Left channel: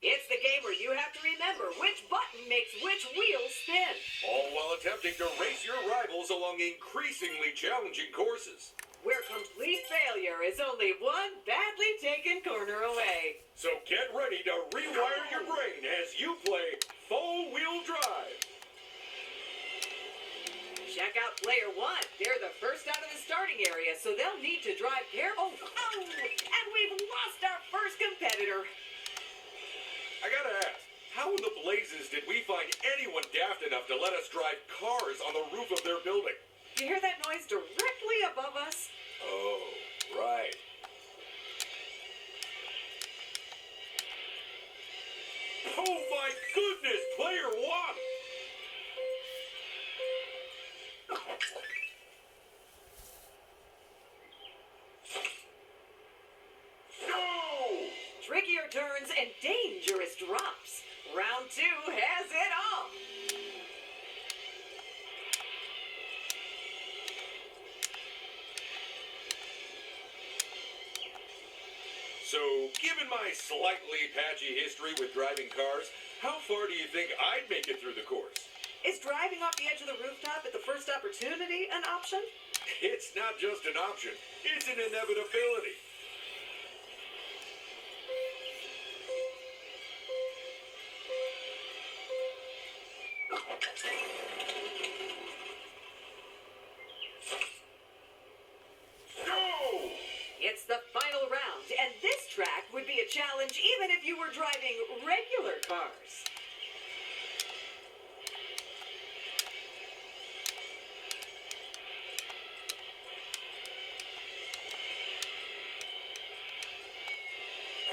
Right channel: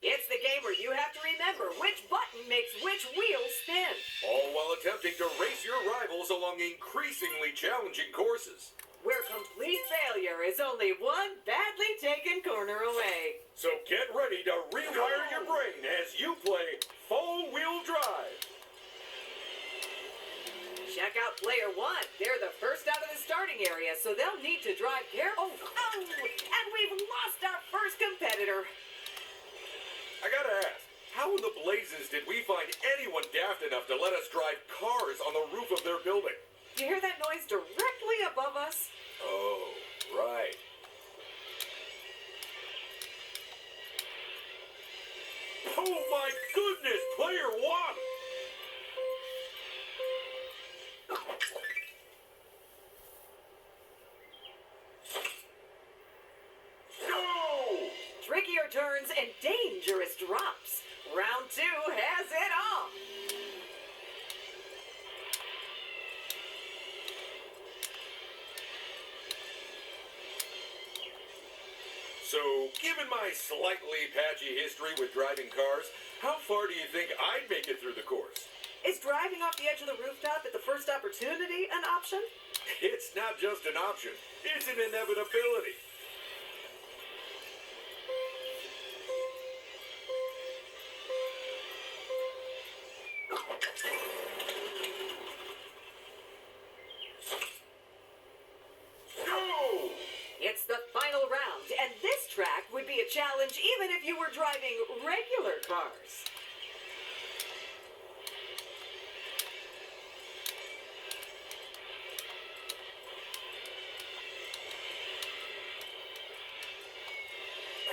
It's the game where you have to remember which button makes which wheel spin. All while attempting to race your rivals along increasingly challenging courses. Where complete failure is only one badly taken corner away. So get ready to rewire your brain as you play four-wheel drive. Check out player one. They're the first out of the starting area, so they'll need to drive careful. Oh, and we've lost our first competitor. I gotta ask, how in the blazes did we find anyone daft enough to let us drive cars on the roof of their building? Do you hear that noise directly above us? Oh, right. Oh my goodness, player one! Trickier turns and dangerous drops. Round two has it all. So, given my slightly patchy history with driving cars, how far do you think I'd make it through the course? Is driving off the edge of the rooftop at the first opportunity an option? It's not just an option, it's an inevitability. It's the final round, and this track would be a challenge even if you were driving regular cars.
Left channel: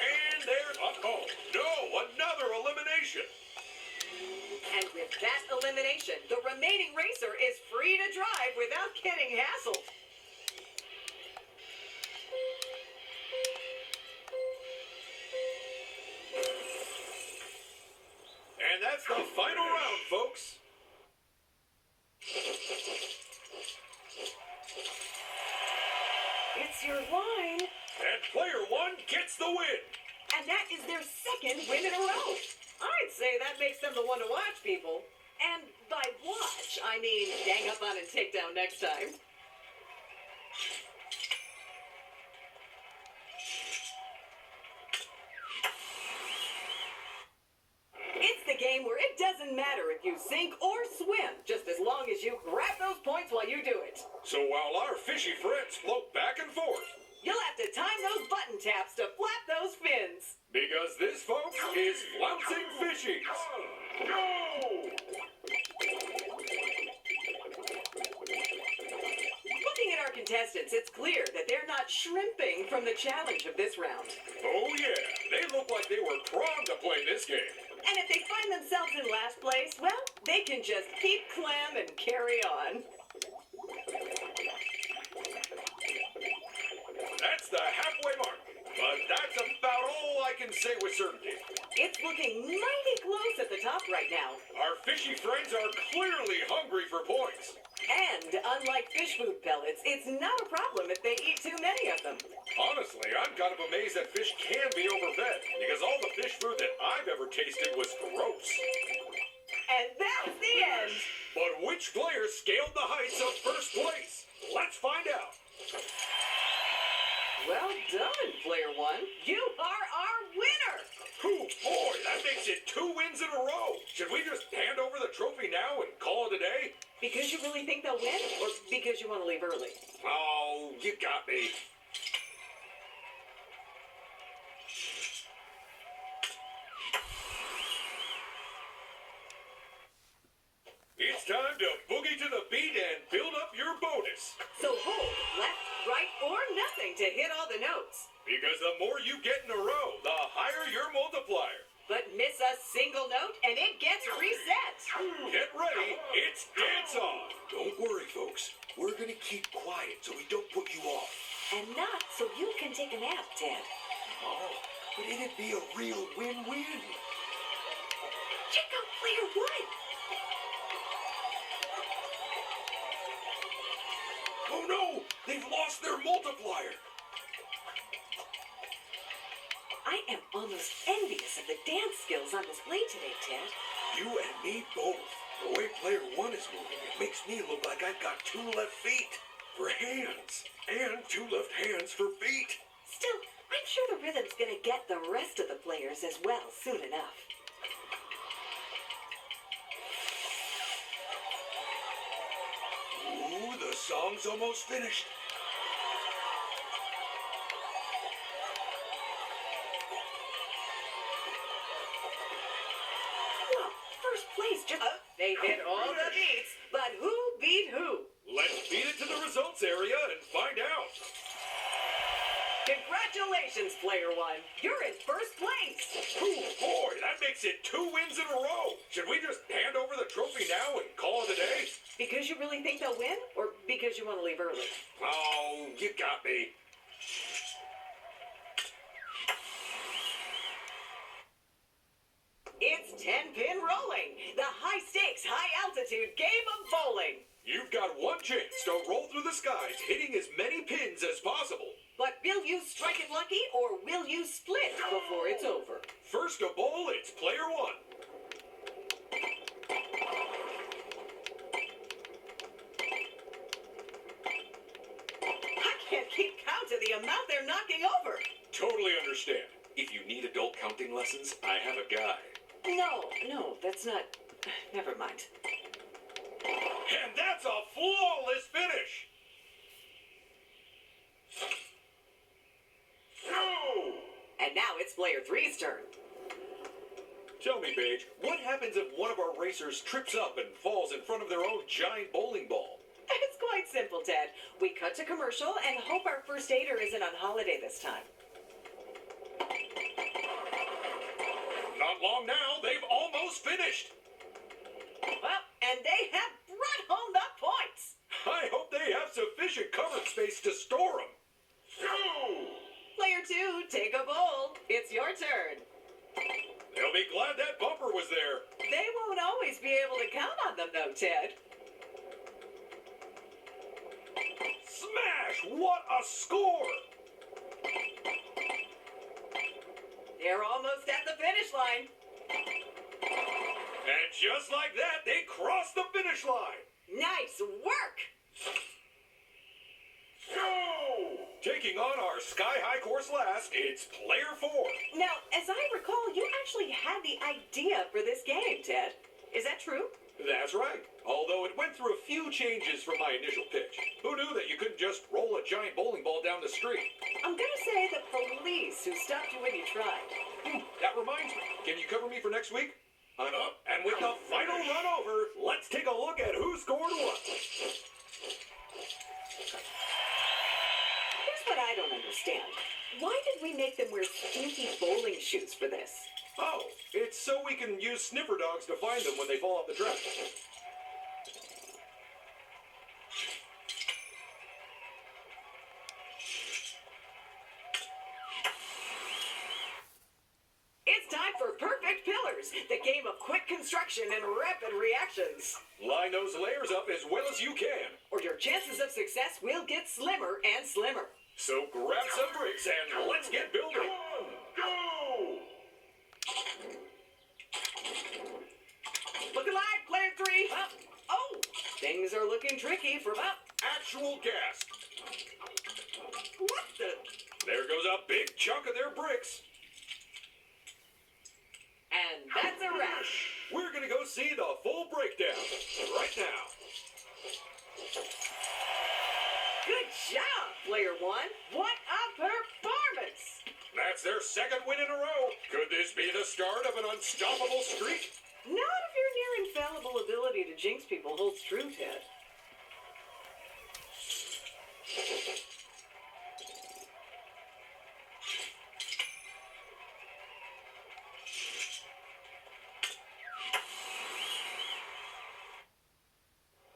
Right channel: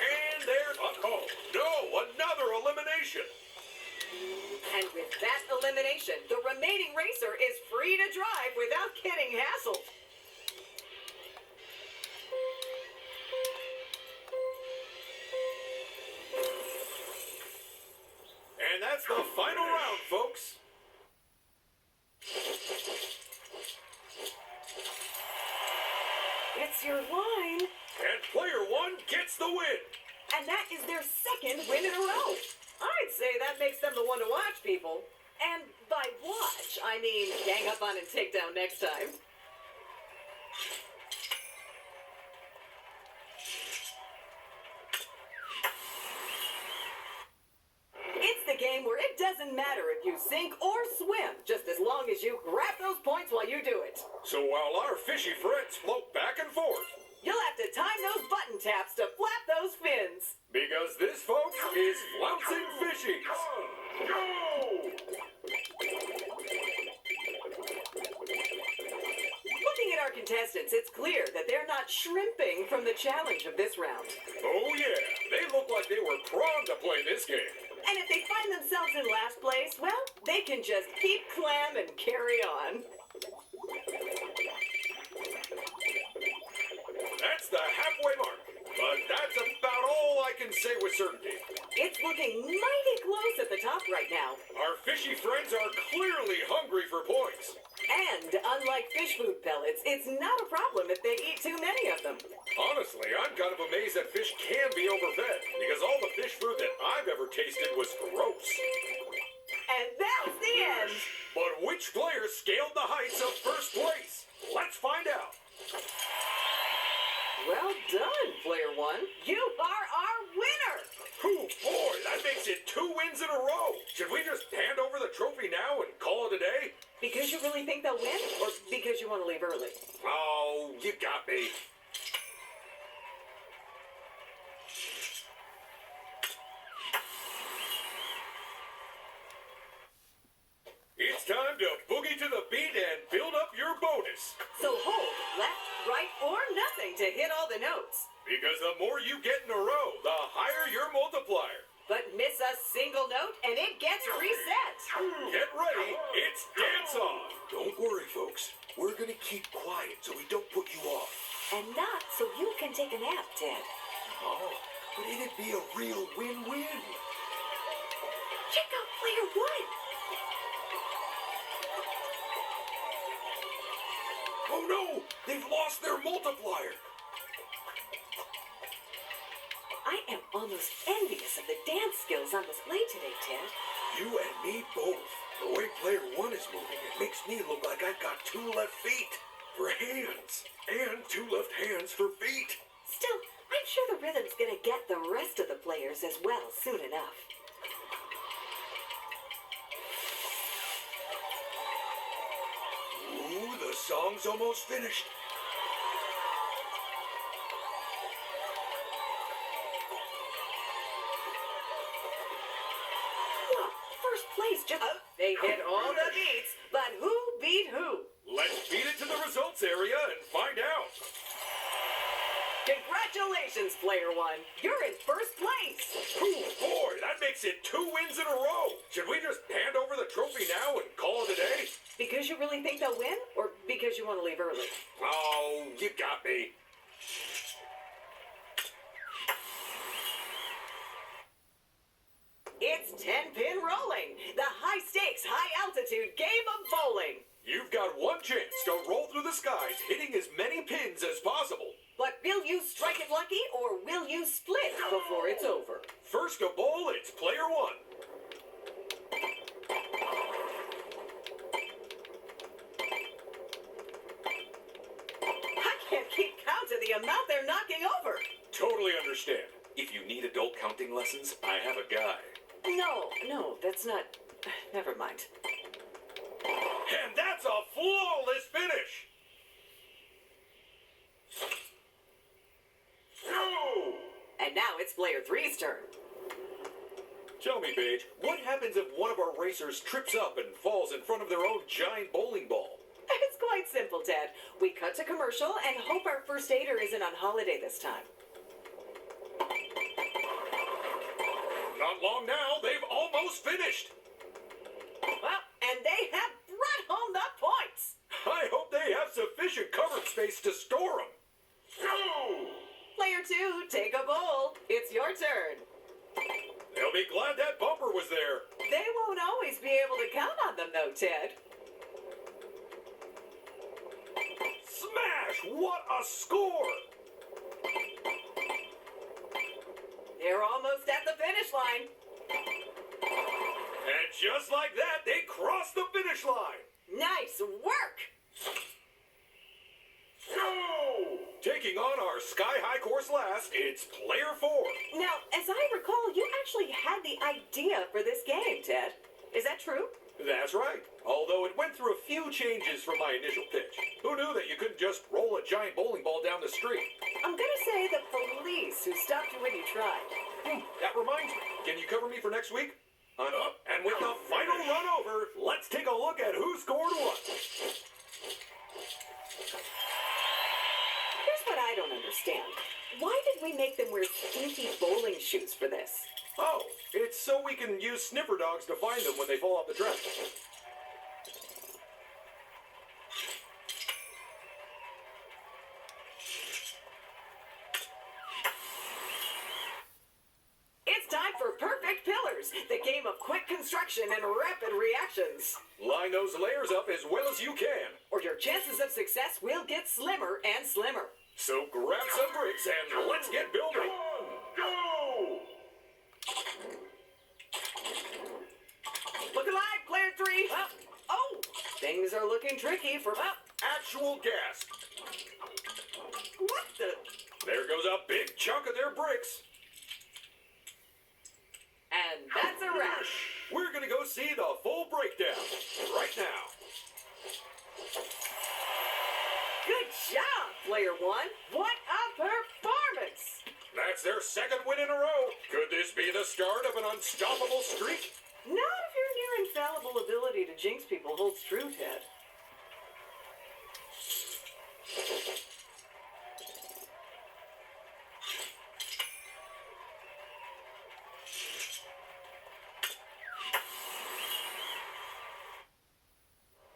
And there's another elimination. And with that elimination, the remaining racer is free to drive without getting hassled. And that's the final round, folks. It's your line. And player one gets the win. And that is their second win in a row. I'd say that makes them the one to watch, people. And by watch, I mean gang up on and take down next time. It's the game where it doesn't matter if you sink or swim, just as long as you grab those points while you do it. So while our fishy friends float back and forth, You'll have to time those button taps to flap those fins. because this, folks, is Flouncing Fishies. Go! Looking at our contestants, it's clear that they're not shrimping from the challenge of this round. Oh yeah, they look like they were primed to play this game. And if they find themselves in last place, well, they can just keep clam and carry on. That's the halfway mark, but that's about all I can say with certainty. It's looking mighty close at the top right now. Our fishy friends are clearly hungry for points. And unlike fish food pellets, it's not a problem if they eat too many of them. Honestly, I'm kind of amazed that fish can be overfed, because all the fish food that I've ever tasted was gross. And that's the end. But which player scaled the heights of first place? Let's find out. Well done, player one. You are our winner. Oh boy, that makes it 2 wins in a row. Should we just hand over the trophy now and call it a day? Because you really think they'll win, or because you want to leave early? Oh, you got me. It's time to boogie to the beat and build up your bonus. So hold left, right, or nothing to hit all the notes. Because the more you get in a row, the higher your multiplier. But miss a single note and it gets reset. Get ready, it's dance on. Don't worry, folks. We're gonna keep quiet so we don't put you off. And not so you can take a nap, Ted. Oh, but it'd be a real win-win. Check out player one. Oh no, they've lost their multiplier. I am almost envious of the dance skills on display today, Ted. You and me both. The way player one is moving, it makes me look like I've got 2 left feet for hands and 2 left hands for feet. Still, I'm sure the rhythm's gonna get the rest of the players as well soon enough. Ooh, the song's almost finished. Well, first place just... They hit all the beats, but who beat who? Let's beat it to the results area and find out. Congratulations, player one. You're in first place. Oh boy, that makes it 2 wins in a row. Should we just hand over the trophy now and call it a day? Because you really think they'll win, or because you want to leave early? Oh, you got me. It's 10-pin rolling, the high-stakes, high-altitude game of bowling. You've got one chance to roll through the skies, hitting as many pins as possible. But will you strike it lucky, or will you split before it's over? First to bowl, it's player one. I can't keep count of the amount they're knocking over. Totally understand. If you need adult counting lessons, I have a guy. No, that's not... Never mind. And that's a flawless finish. Go! And now it's player three's turn. Tell me, Paige, what happens if one of our racers trips up and falls in front of their own giant bowling ball? It's quite simple, Ted. We cut to commercial and hope our first aider isn't on holiday this time. Not long now, they've almost finished. Well, and they have brought home the points. I hope they have sufficient covered space to store them. Go! Player two, take a bowl. It's your turn. They'll be glad that bumper was there. They won't always be able to count on them, though, Ted. Smash! What a score! They're almost at the finish line. And just like that, they crossed the finish line. Nice work. Go! Taking on our sky-high course last, it's player four. Now, as I recall, you actually had the idea for this game, Ted. Is that true? That's right. Although it went through a few changes from my initial pitch. Who knew that you couldn't just roll a giant bowling ball down the street? I'm gonna say the police who stopped you when you tried. That reminds me. Can you cover me for next week? And with the final run over, let's take a look at who scored what. Here's what I don't understand. Why did we make them wear stinky bowling shoes for this? Oh, it's so we can use sniffer dogs to find them when they fall off the track. It's time for Perfect Pillars, the game of quick construction and rapid reactions. Line those layers up as well as you can. Or your chances of success will get slimmer and slimmer. So grab some bricks and let's get building. Go! Look alive, player three. Oh, things are looking tricky for... Actual gas. What the... There goes a big chunk of their bricks. And that's a wrap. We're gonna go see the full breakdown right now. Good job, player one. What a performance. That's their second win in a row. Could this be the start of an unstoppable streak? Not if your near infallible ability to jinx people holds true, Ted.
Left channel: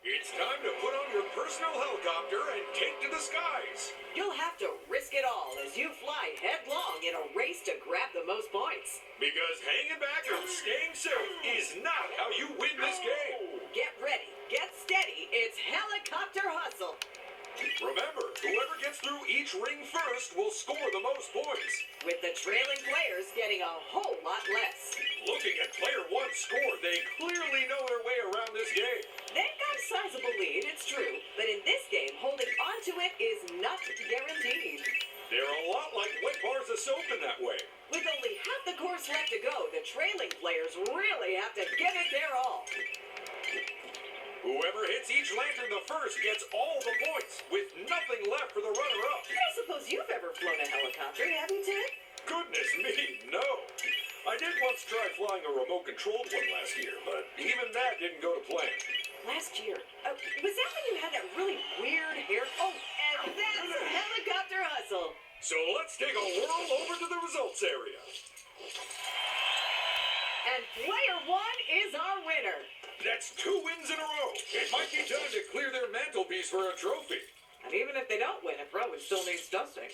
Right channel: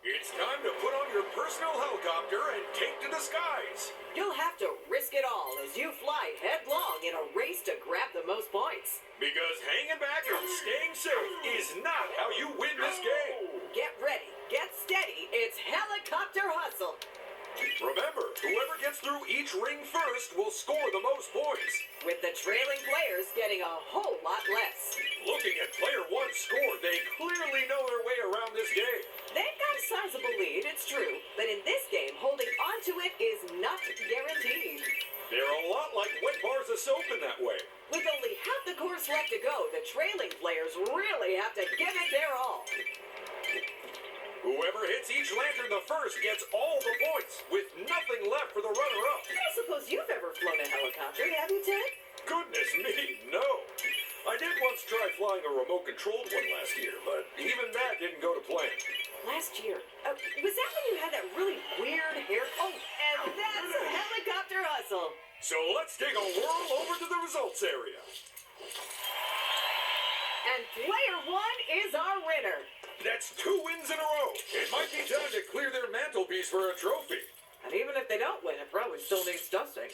It's time to put on your personal helicopter and take to the skies. You'll have to risk it all as you fly headlong in a race to grab the most points. Because hanging back and staying safe is not how you win this game. Get ready, get steady, it's helicopter hustle. Remember, whoever gets through each ring first will score the most points. With the trailing players getting a whole lot less. Looking at player one's score, they clearly know their way around this game. They've got a sizable lead, it's true, but in this game, holding onto it is not guaranteed. They're a lot like wet bars of soap in that way. With only half the course left to go, the trailing players really have to give it their all. Whoever hits each lantern the first gets all the points, with nothing left for the runner-up. I don't suppose you've ever flown a helicopter, have you, Ted? Goodness me, no. I did once try flying a remote-controlled one last year, but even that didn't go to plan. Last year? Was that when you had that really weird hair? Oh, and that's a helicopter hustle. So let's take a whirl over to the results area. And player one is our winner. That's 2 wins in a row. It might be time to clear their mantelpiece for a trophy. And even if they don't win, it probably still needs dusting.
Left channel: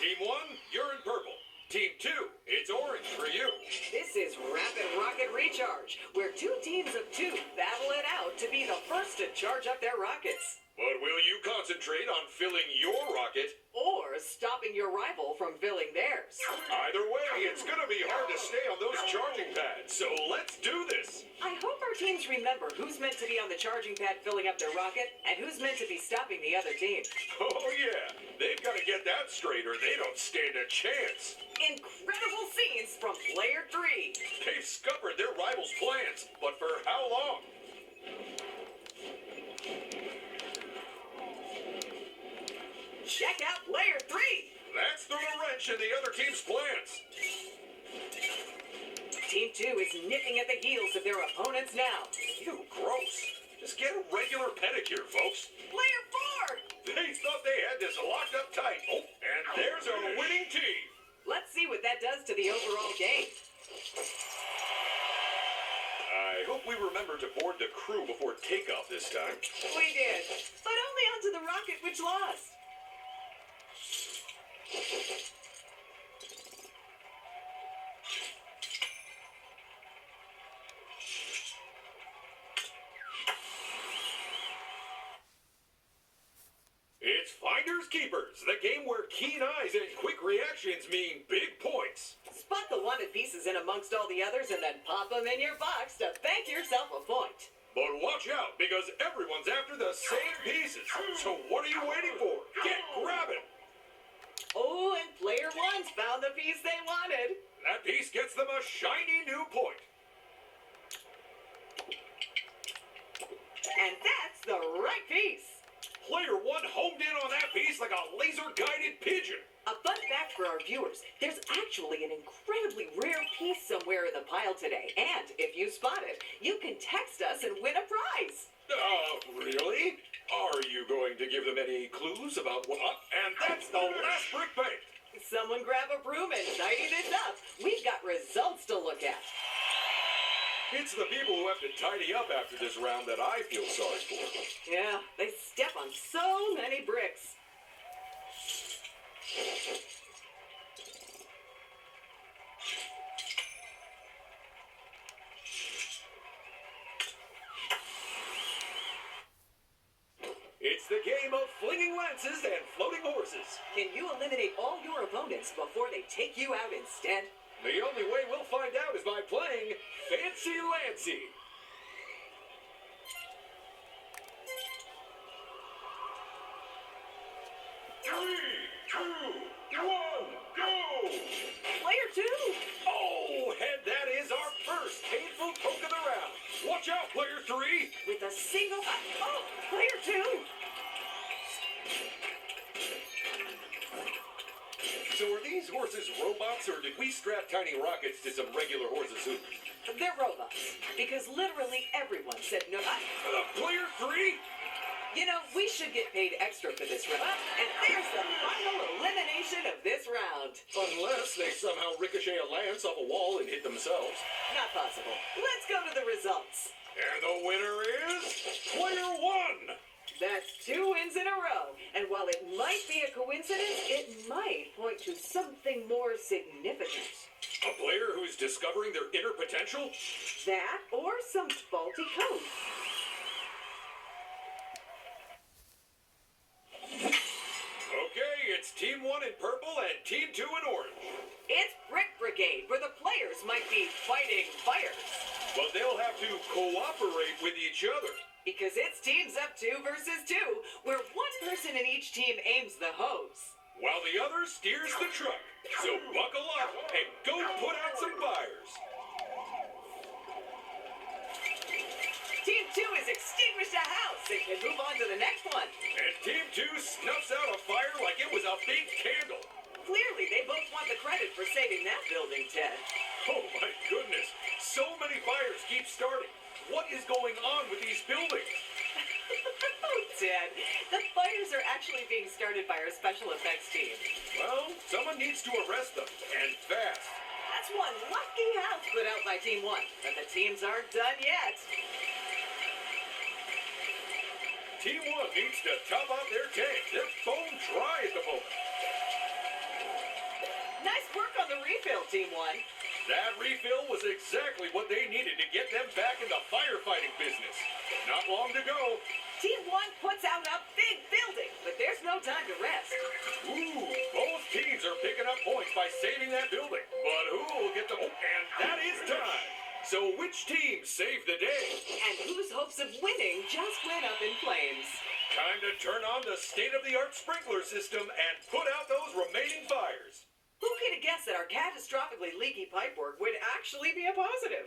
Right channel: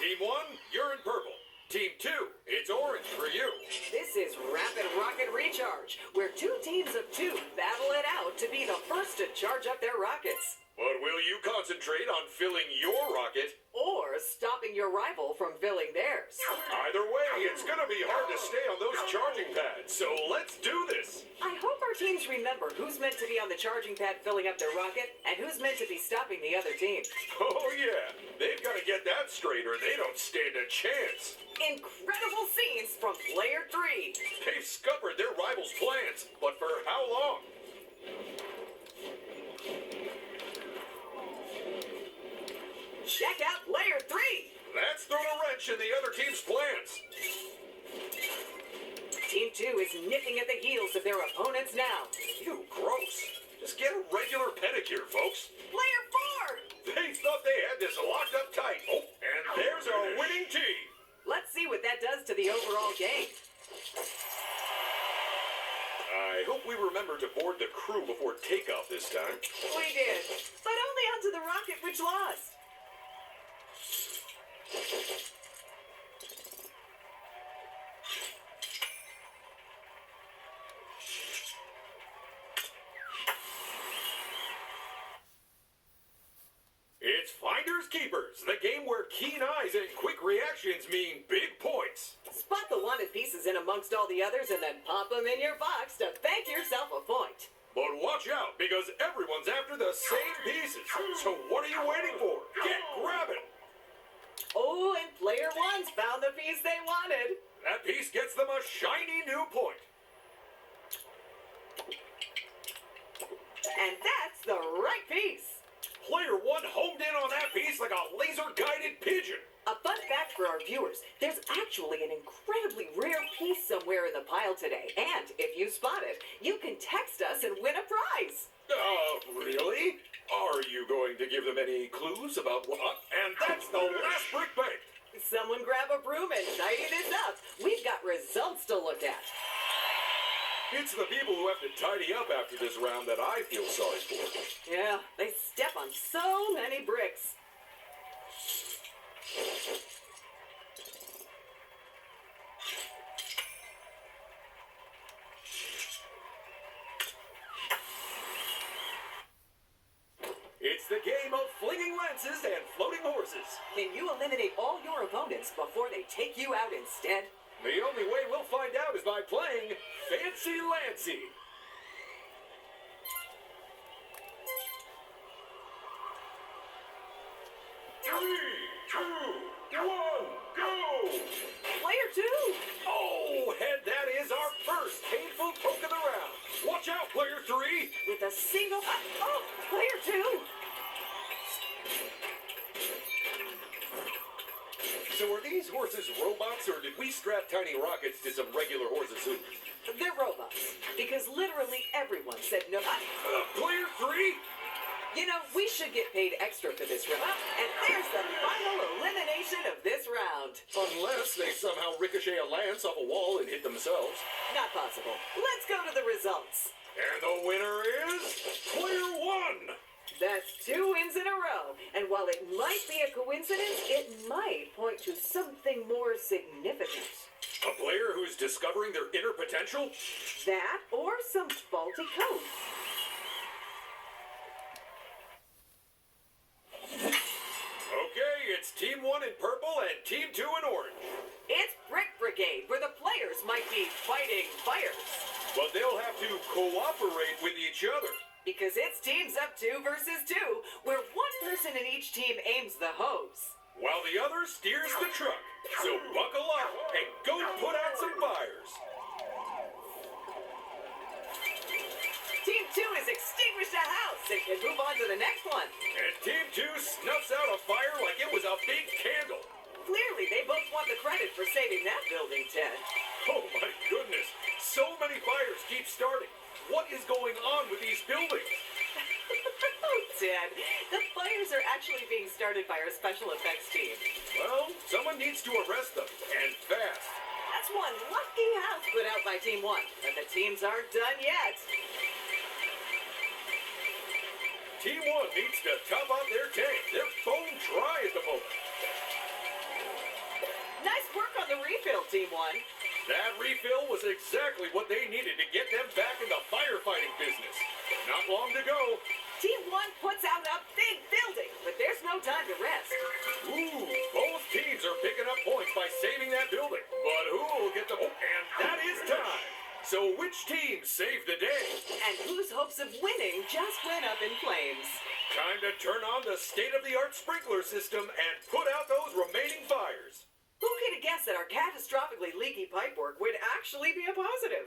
Team 1, you're in purple. Team 2, it's orange for you. This is Rapid Rocket Recharge, where 2 teams of 2 battle it out to be the first to charge up their rockets. But will you concentrate on filling your rocket? Or stopping your rival from filling theirs. Either way, it's going to be hard to stay on those charging pads, so let's do this. I hope our teams remember who's meant to be on the charging pad filling up their rocket and who's meant to be stopping the other team. Oh yeah, they've got to get that straight or they don't stand a chance. Incredible scenes from player 3. They've scuppered their rivals' plans, but for how long? Check out player 3. That's thrown a wrench in the other team's plans. Team 2 is nipping at the heels of their opponents now. Ew, gross. Just get a regular pedicure, folks. Player 4. They thought they had this locked up tight. Oh, and there's our winning team. Let's see what that does to the overall game. I hope we remember to board the crew before takeoff this time. We did, but only onto the rocket which lost. It's Finders Keepers, the game where keen eyes and quick reactions mean big points. Spot the wanted pieces in amongst all the others and then pop them in your box to bank yourself a point. But watch out, because everyone's after the same pieces. So what are you waiting for? Get grabbing! Oh, and player 1's found the piece they wanted. That piece gets them a shiny new point. And that's the right piece. Player 1 homed in on that piece like a laser-guided pigeon. A fun fact for our viewers, there's actually an incredibly rare piece somewhere in the pile today. And if you spot it, you can text us and win a prize. Really? Are you going to give them any clues about what? And that's the last brick bank. Someone grab a broom and tidy this up. We've got results to look at. It's the people who have to tidy up after this round that I feel sorry for. Yeah, they step on so many bricks. It's the game of flinging lances and floating horses. Can you eliminate all your opponents before they take you out instead? The only way we'll find out is by playing Fancy Lancy. Three, two, one, go! Player 2! Oh, and that is our first painful poke of the round. Watch out, player 3! With a single... Oh, player 2! So are these horses robots, or did we strap tiny rockets to some regular horses' hoovers? They're robots. Because literally everyone said no. Player 3? You know, we should get paid extra for this round. And there's the final elimination of this round. Unless they somehow ricochet a lance off a wall and hit themselves. Not possible. Let's go to the results. And the winner is... Player 1! That's 2 wins in a row. And while it might be a coincidence, it might point to something more significant. A player who's discovering their inner potential? That or some faulty code. Okay, it's Team 1 in purple and Team 2 in orange. It's Brick Brigade, where the players might be fighting fires. But they'll have to cooperate with each other. Because it's teams up 2 versus 2, where one person in each team aims the hose. While the other steers the truck. So buckle up and go put out some fires. Team 2 has extinguished a house and can move on to the next one. And Team 2 snuffs out a fire like it was a big candle. Clearly, they both want the credit for saving that building, Ted. Oh my goodness, so many fires keep starting. What is going on with these buildings? Oh, Ted, the fires are actually being started by our special effects team. Well, someone needs to arrest them, and fast. That's one lucky house put out by Team 1, but the teams aren't done yet. Team 1 needs to top out their tank. They're bone dry at the moment. Nice work on the refill, Team 1. That refill was exactly what they needed to get them back in the firefighting business. Not long to go. Team 1 puts out a big building, but there's no time to rest. Ooh, both teams are picking up points by saving that building. But who will get the... Oh, and that is time. So which team saved the day? And whose hopes of winning just went up in flames. Time to turn on the state-of-the-art sprinkler system and put out those remaining fires. Who could have guessed that our catastrophically leaky pipework would actually be a positive?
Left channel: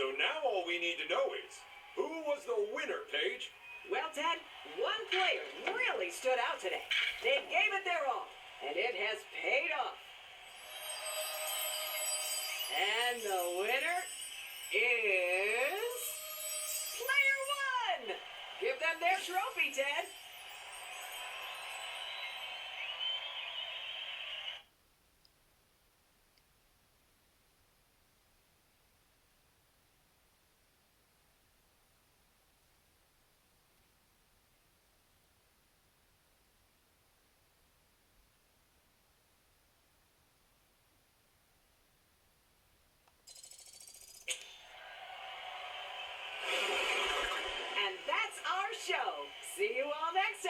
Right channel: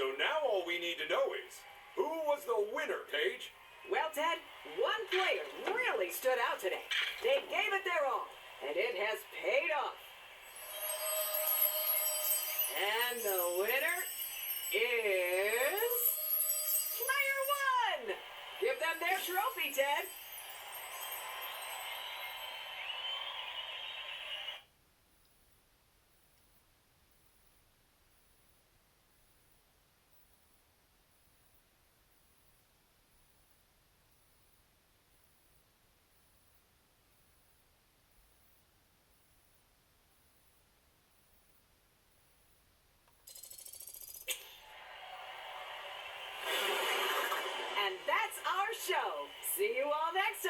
So now all we need to know is, who was the winner, Paige? Well, Ted, one player really stood out today. They gave it their all, and it has paid off. And the winner is... Player 1! Give them their trophy, Ted. And that's our show. See you all next time.